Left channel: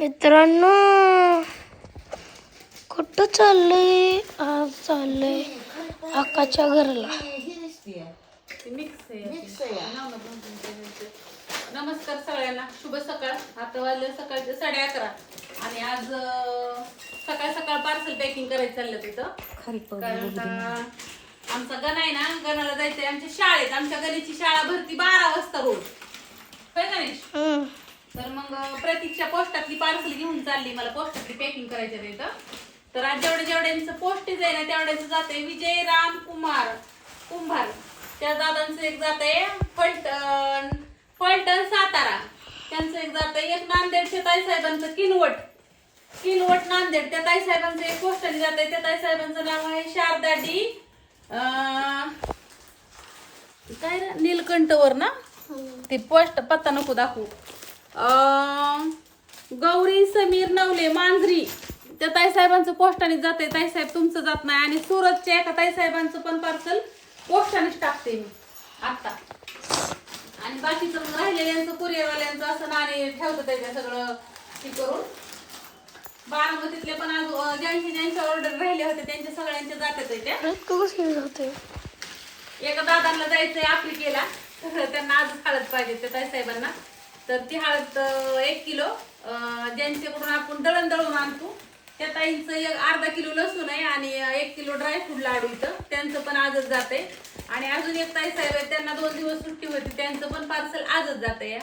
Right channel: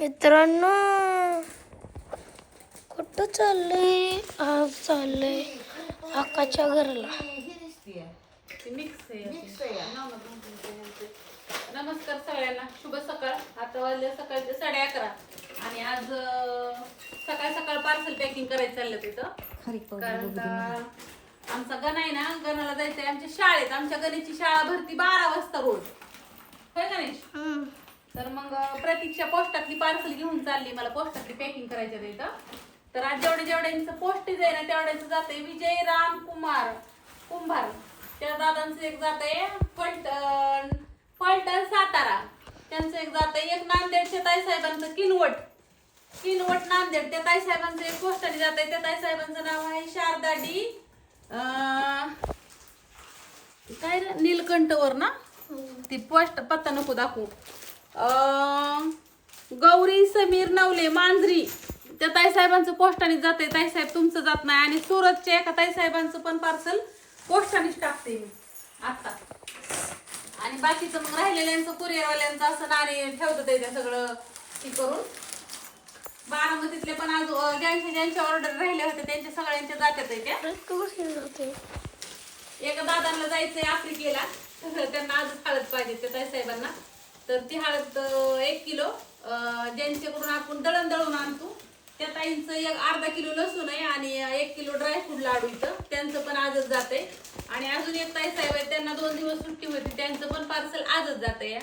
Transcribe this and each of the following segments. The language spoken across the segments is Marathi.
मित्रांनो, कुठं चाललंय? आज चाललंय आकाच्या घरला. नमस्कार सगळ्यांना, शुभ सकाळ. आता वाजले सकाळचे 11:30 आणि आज सकाळ सकाळ पार्सल पॅकिंग करायचं चाललं तिथं. कारण आमचा गण आहे ना, गणाला जायचंय आमच्या शाळेत. आमच्या गणीची शाळा भरती 12 वाजता रोज, होय गणेश? तर मग प्रतीकच्या पोस्टातली पार्सल घेऊन चालली, मला पोस्टातली पॅकिंग करायचं तिथं. तर आज जेवढ्यांचं पोस्टीज आहे ना तेवढ्यांचं जाते विजय राम कुंभार. त्या दादांचं एक जात आहे फलटण सातारा, त्यांचं एक जात आहे. एक नांदेडच्या ताईसाहेबांचं किनवट नांदेड, त्या ताईसाहेबांचं एक पोस्टाने जात आहे. त्या ताईसाहेबांचं नाव आहे शारदा डी काय रे, नीलकंठवर ना. ती पोस्ट पत्ता नको दाखवू. गौरी समीर नवले मांजरी, त्या ताईसाहेबांचं पोस्टाने जाते. ताईसाहेब तुमचं जात नाही. आणि सुरतच्या एका ताईसाहेबांचं पण पार्सल पोस्टानेच टाकते मी आता. आणि बाकीचं मग राहिलेल्यांचं कुरिअरवाल्यांचं असं नाणे ठेवतं त्याच्या सगळं हे करून. बारामतीतले पण आज ज्यांच्या ऑर्डर राहिले होते त्यांच्या सगळ्यांच्या जात्यात त्या. एका दादांना जायचंय आफ्रिकेला, त्यांना आजच हळद पाहिजे त्या ताईसाहेबांना. तर ती हळद 1 किलो ज्यांच्याकडून आपण दळून आणतो त्या ताईंचं एक अर्धा किलो लसूण आहे आणि 1 किलो ड्रायफ्रूट लाडू इथं, त्यांचं पण आजच जाते. आणि अजून एक ताईसाहेब आहे, त्यांना 2 दिवस सुट्टी होती, त्यांचं पण पार्सल आजच जाते.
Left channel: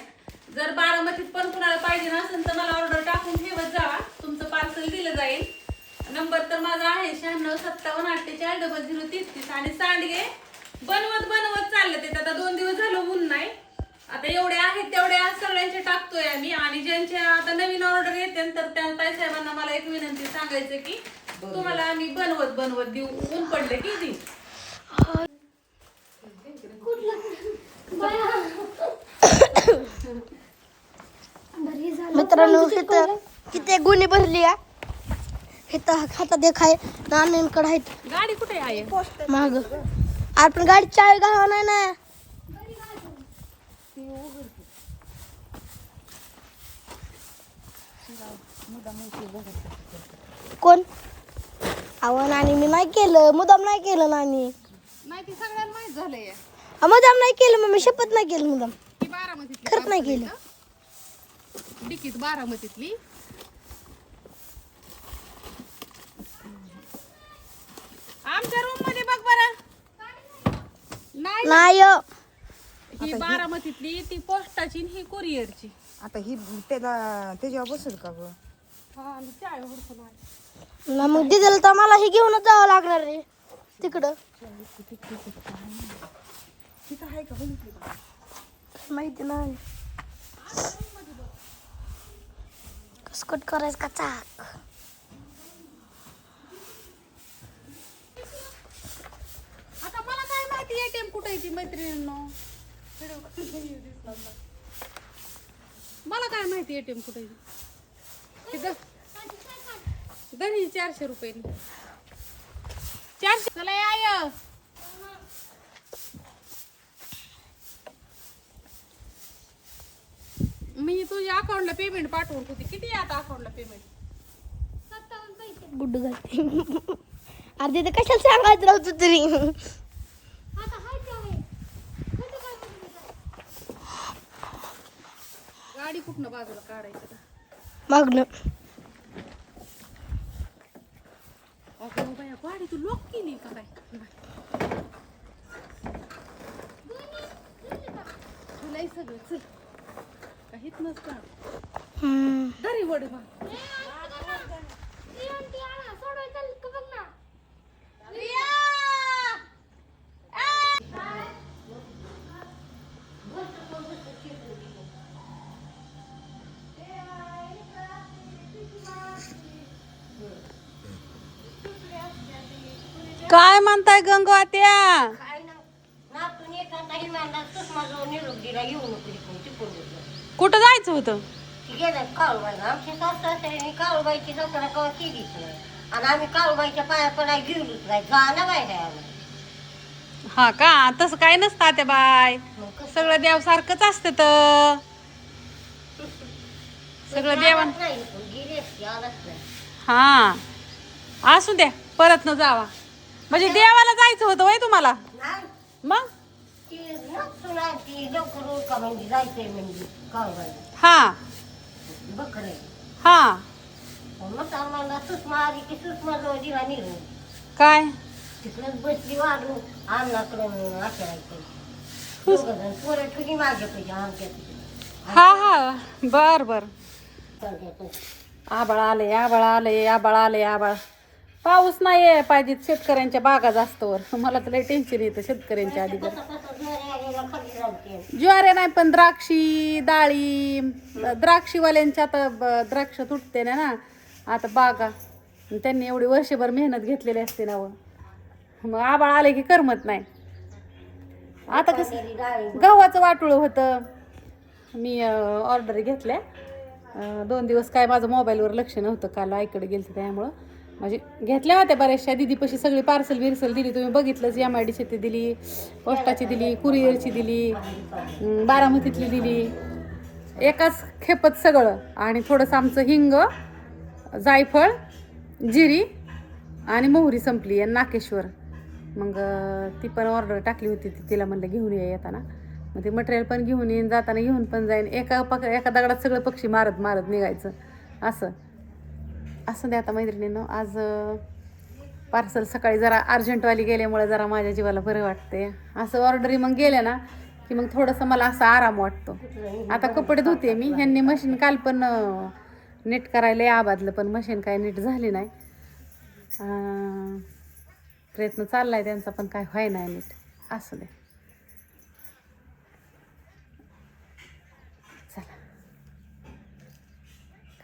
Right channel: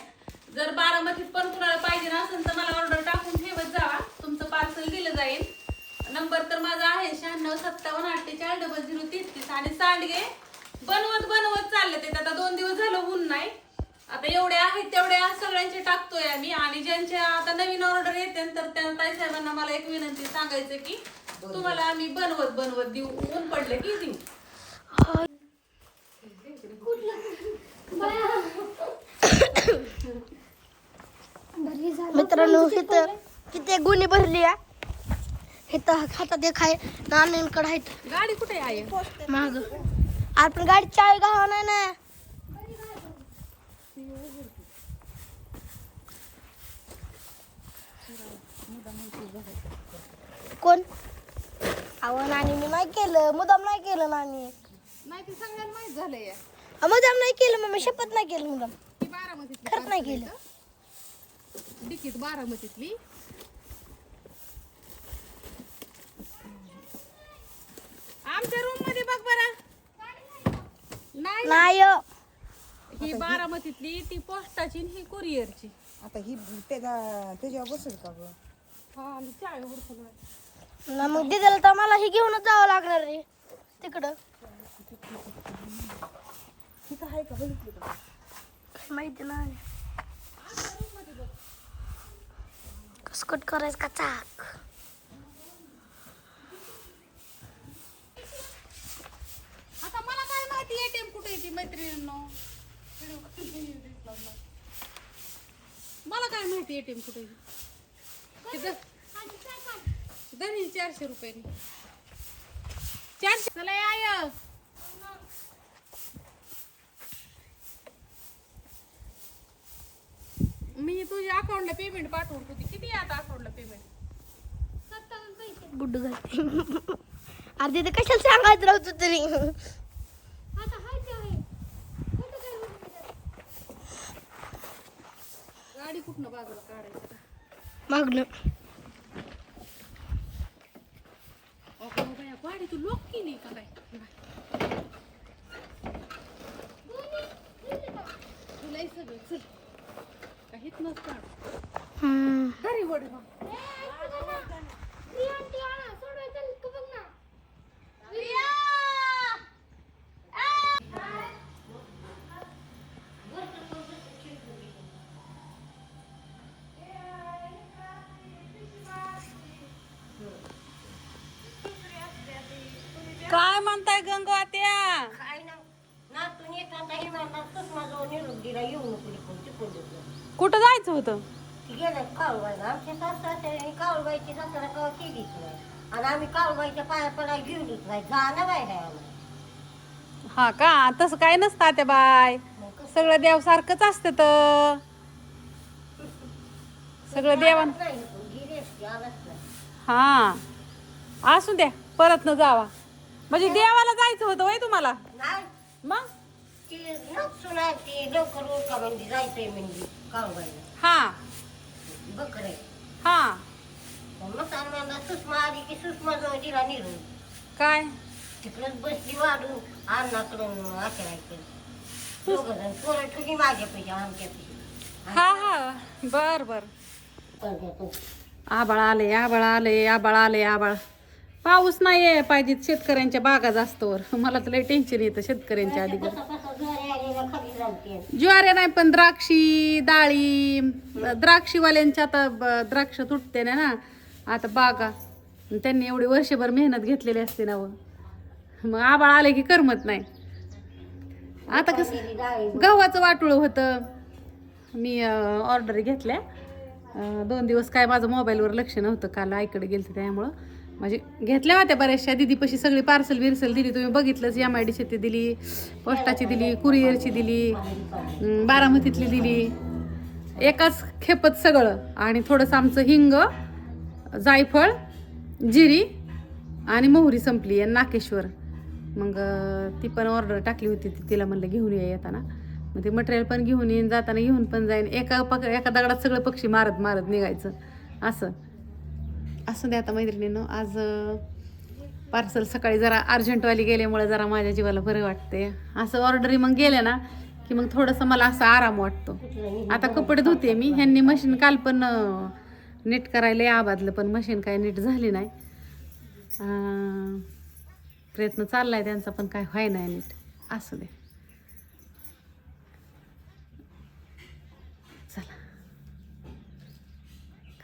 जर बारामतीत पण कुणाला पाहिजे नसेल तर मला ऑर्डर टाकून ठेवत जावा, तुमचं पार्सल दिलं जाईल. नंबर तर माझा आहे 9657480033. आणि सांडगे बनवत चालले ते. आता 2 दिवस झालं ऊन नाही. आता एवढे आहेत तेवढे सगळ्यांचे टाकतोय आम्ही. आणि ज्यांच्या आता नवीन ऑर्डर येते तर त्या ताईसाहेबांना मला एक विनंती सांगायचं की तुम्हाला आम्ही बनवत देऊ, ऊन पडले की देऊ. मित्रांनो, इथं किती गुन्हे भरली या. इथं हातात एक आहे, नाण्यांकडे आहेत. गाडी कुठे आहे माग? आपण गाडी चावी घावा नाही ना. कोण आव्हान? आणि मी नाही केलं, मुदाम नाही केलं. नानी नाही, ती सगळ्यांना माहित झालंय. मुदाम नाही केलं, मग मी शपथ नाही केलं. मुदाम ती बारामतीतली खरंच नाही केलं. डिकीत बारामतीतली. आमच्या रूम मध्ये बघ बरं. नाही, ही बारामतीतली, ती पोस्टाची ही कुरिअरची. आता ही त्याच्यावर बसेल का गं? ना मग डिझेल तर मला हे घेऊनच जावं लागणार रे तिकडं. तिथं आहे का? बघितली का? माहिती नाही. कसकट करायचं का चाक? आता मला काय माहिती एटीएम कुठे आहे ती मैत्रिणींना. मला काय माहिती एटीएम कुठे आहे. दही 400 रुपये. 400 चला आय. मी तुझ्या अकाउंटला पेमेंट पाठवून होती. किती आहे आता अकाउंटला पेमेंट? 57 पैसे. गुड्डू घालते. अरे ते कशाला सांगायचं राहतो तरी. गाडी कुठनं बाजूला काढायचं मागणं. अगं बाया, गाडी तू लॉक केली का काय? तुला सगळं चल काहीच नसतं. घरी वड काय म्हणताय गंगो आत्या? कुठं जायचं होतं? आम्ही काळूबाईच्या पाया पडाय गेलोच नाही. जाणं बाय हा का? तसं काय नसतं आत्या बाय, सगळं देव सारखंच असतं. तर सगळं देवान नाही गेली असती आलाच नाही. हा असू द्या परत न जावा म्हणजे देवाला जायचं होतं वय तुम्हाला नाही मग ती सुना ती लवकर उरका म्हणजे जायचंय म्हणजे काळवायला हा बकरे हा मग आम्हाला सुषमा आली की सुषमा जवळ दिला निघून काय तिकडंच बसली वाढून अन्नाकडून आठवायचं दोघं जण पोरं ठेवली माझ्यापैकी आमच्यापैकी हा हा बर बर आबाळ आले आबाळ आले आबाळ आले आबाळ पाऊस नाही यायला पाहिजे शेतकऱ्यांच्या बागा जास्तवर मला तर लय टेन्शन येतं शेतकऱ्यांच्या आधी ज्वारे नाही पण द्राक्षी डाळिंब द्राक्षीवाल्यांच्या आता द्राक्ष तुटते ना आता बागा त्यांनी एवढी वर्षभर मेहनत घेतलेली असते ना व. मग आबाळ आले की करमत नाही आता कसं गव्हाचं वाटुळ होतं मी ऑर्डर घेतल्या 2 दिवस काय माझं मोबाईलवर लक्ष नव्हतं काल आईकडे गेलते त्यामुळं म्हणजे घेतल्या होत्या बऱ्याचशा दीदीपाशी सगळी पार्सल बिर्सल दिली तुम्ही बघितलंच MIDC ती दिली पोस्टाची दिली कुरिअरची दिली बारामतीतली दिली एकाच खेपत सगळं आणि थोडंसं आमचं हिंग जायफळ जिरी आणि मोहरी संपली आणि नाकेश्वर मग ती पण ऑर्डर टाकली होती तिला म्हणलं घेऊन येताना मग ते मटेरियल पण घेऊन येईन जाताना घेऊन पण जाईन एका दगडात सगळे पक्षी मारत मारत निघायचं असं द्या आता मैत्रिणीनं आज पार्सल सकाळी जरा अर्जंटवाली गेल्यामुळे जरा माझ्या जीवाला बरं वाटते असं ऑर्डरी मग गेल्या ना की मग थोडंसं मला असा आराम वाटतो आता कपडे धुते मी ह्यांनी मशीन काल पण नीट करायला आबादलं पण मशीन काय नीट झाली नाही प्रयत्न चाललाय त्यांचा पण काय व्हाय नाही नीट असं दे चला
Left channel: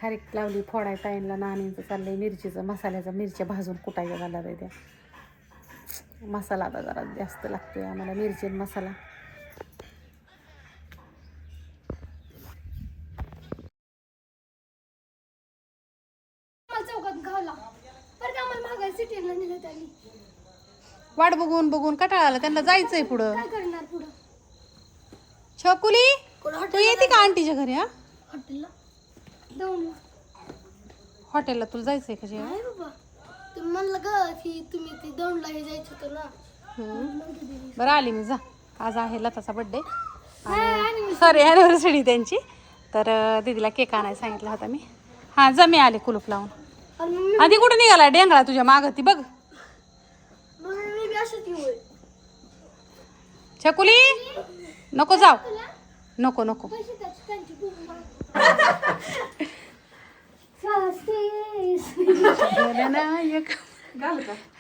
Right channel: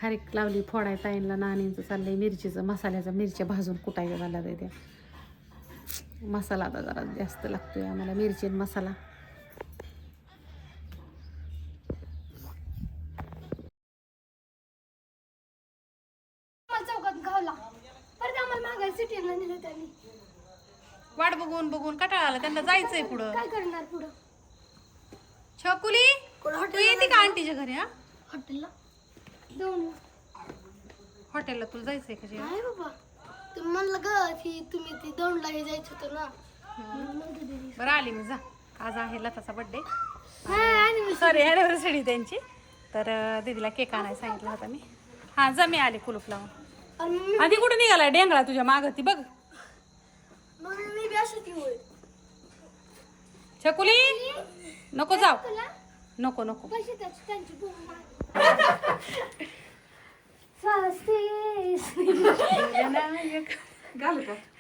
खारीक लावली फोडाय ताईंला नाणींचं चाललंय मिरचीचं मिरच्या भाजून कुटायच्या झाला त्या मसाला आता जरा जास्त लागतोय आम्हाला मिरची आणि मसाला चौकात गावला परत आम्हाला मागायला सिटीला नेलं त्यांनी वाट बघून बघून कटाळा आला त्यांना जायचंय पुढं काय करणार पुढं छकुली तू येते का आंटीच्या घरी हा हॉटेलला जाऊन हॉटेलला तुला जायचंय का जेवायला? नाही बाबा तुम्ही म्हणलं ग की तुम्ही ती दौंडला हे जायचं होतं ना बरं आली मी जा आज आहे लताचा बर्थडे सॉरी ॲनिव्हर्सरी त्यांची तर दीदीला केक आणायला सांगितला होता मी हा जा मी आले कुलूप लावून आधी कुठे निघाला डेंगळा तुझ्या मागं ती बघ मी बी अशीच येऊ छकुली नको जाऊ नको नको पैसे त्यांची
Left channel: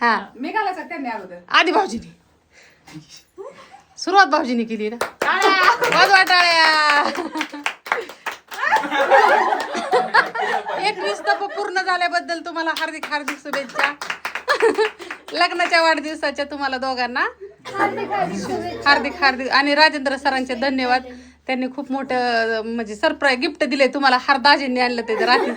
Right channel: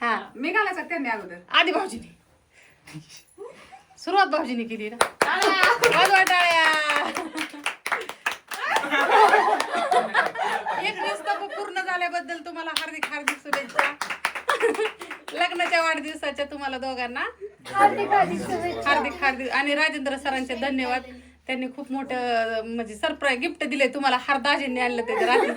हा मी घालायचं त्यांनी अगोदर आधी भाऊजीने सुरुवात भाऊजीने केली ना वाजवा टाळ्या 21 तप पूर्ण झाल्याबद्दल तुम्हाला हार्दिक हार्दिक शुभेच्छा लग्नाच्या वाढदिवसाच्या तुम्हाला दोघांना हार्दिक हार्दिक आणि राजेंद्र सरांचे धन्यवाद त्यांनी खूप मोठं म्हणजे सरप्राईज गिफ्ट दिले तुम्हाला दाजींनी आणलं ते रात्री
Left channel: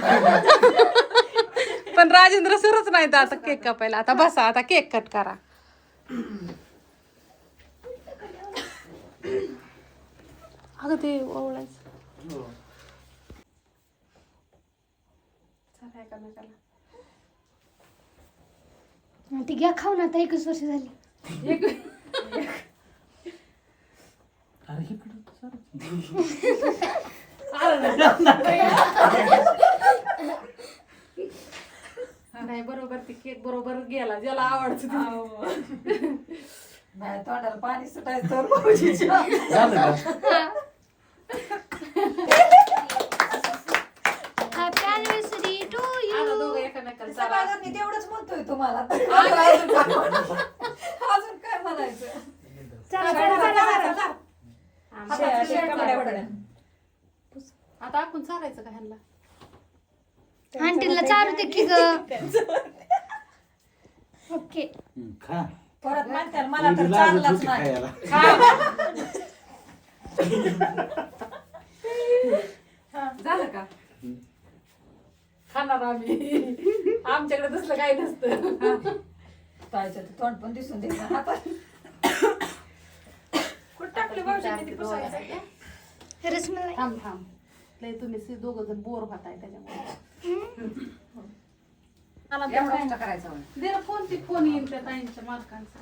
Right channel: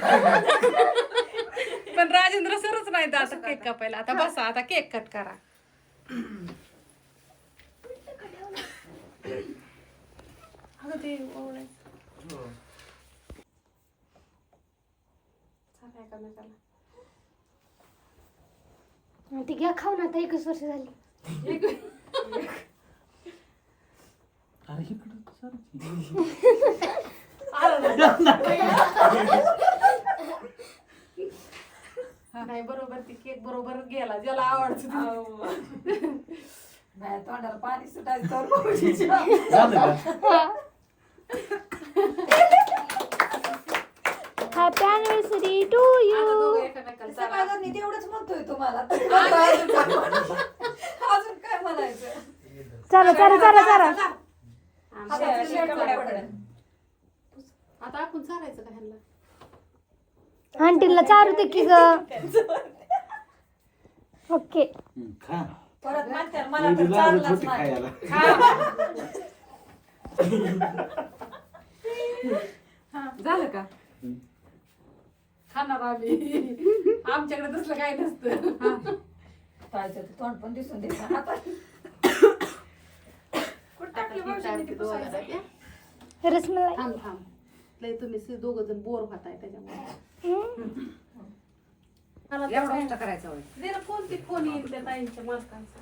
पण राजेंद्र सरच नाही तर आता केक कापायला आता बसा आता केक कट करा अगं ते ओवळायचं ती घ्या खाऊन आता 21 वर्ष झाली नाही बरोबर ती केक बरोबर गेला ज्याला आवडतं नाही तोंडाला पाणी सुटायचं हॅपी अॅनिव्हर्सरी टू यू मी तेवढंच म्हणतोय तुम्हाला अजून काय म्हणायचं चला चला चला चला आता आपण चालायचं का ह्यांना आंटीला चारू दे की ग ओके खा परत म्हणतात मला तर चाललाच नाही झालं का खाणार आम्ही आमच्याकडे तसलं काही नसतं तोंड पण दिसून दे कुठं टाकली भाऊजींनी ती पुसायचं? रसमलाई थांब थांब लय तुम्ही दोघ जण बोर होताय त्याच्यामुळे मला एवढं करायचं होय. जरा कोणती फोन येईल त्या ताईंच्या मालकांचा